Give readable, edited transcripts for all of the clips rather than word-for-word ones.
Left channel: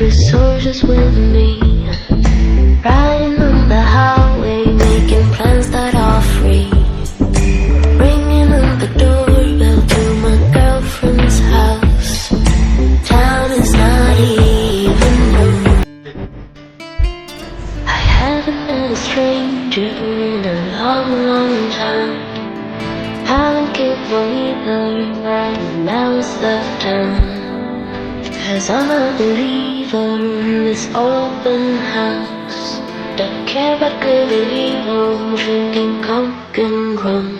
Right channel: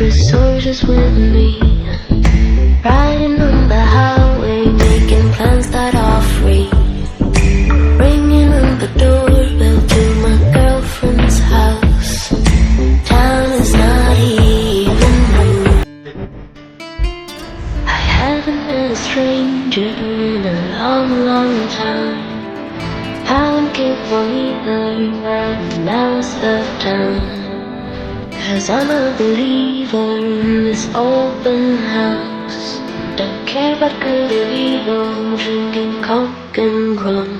Resources with me, riding on the highway, making plans that are free, ringing on the doorbell to my girlfriend's house. Town is not even new. I haven't met a stranger in a long, long time. Haven't kissed one either, and now's the time. 'Cause I'm a believer in this open house. Don't care about good or evil, drinking coke and rum.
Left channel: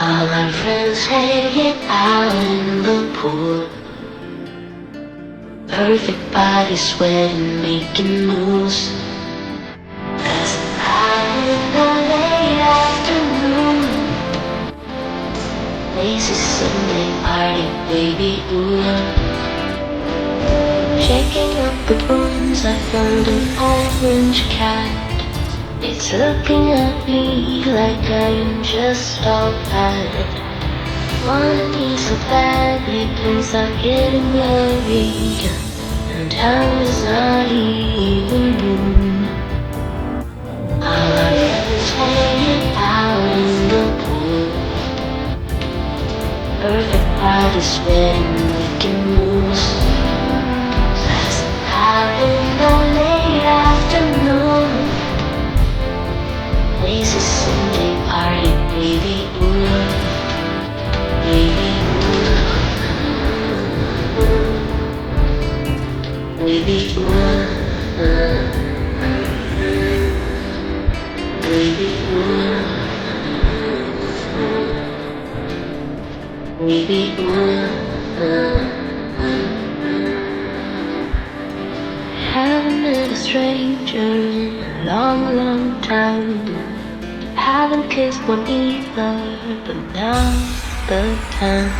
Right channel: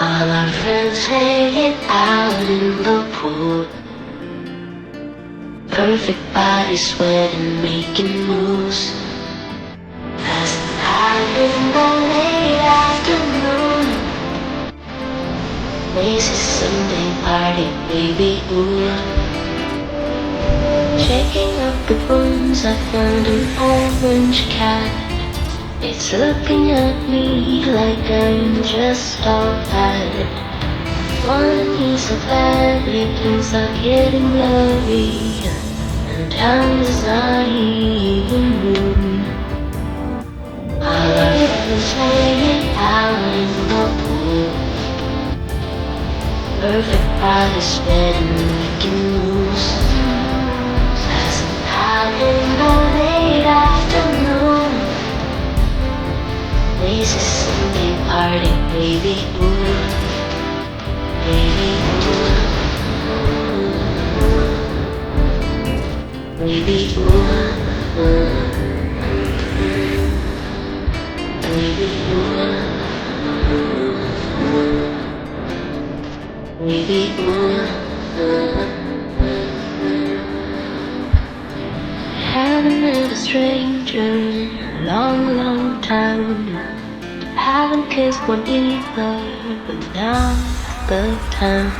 All our friends hanging out in the pool. Perfect body sweating, making moves. Passing out in the late afternoon. Macy's Sunday party, baby, ooh. Shaking up the bones, I found an orange cat. It's looking at me like I am just all bad. Wanted me so badly, things are getting blurry, and time is not even room. All our friends hanging out in the pool. Perfect body sweating, making moves. In the late afternoon, Lazy Sunday party, baby, ooh, baby, ooh, baby, ooh, baby, ooh, baby, ooh. Haven't met a stranger in a long, long time. Haven't kissed one either, but now's the time.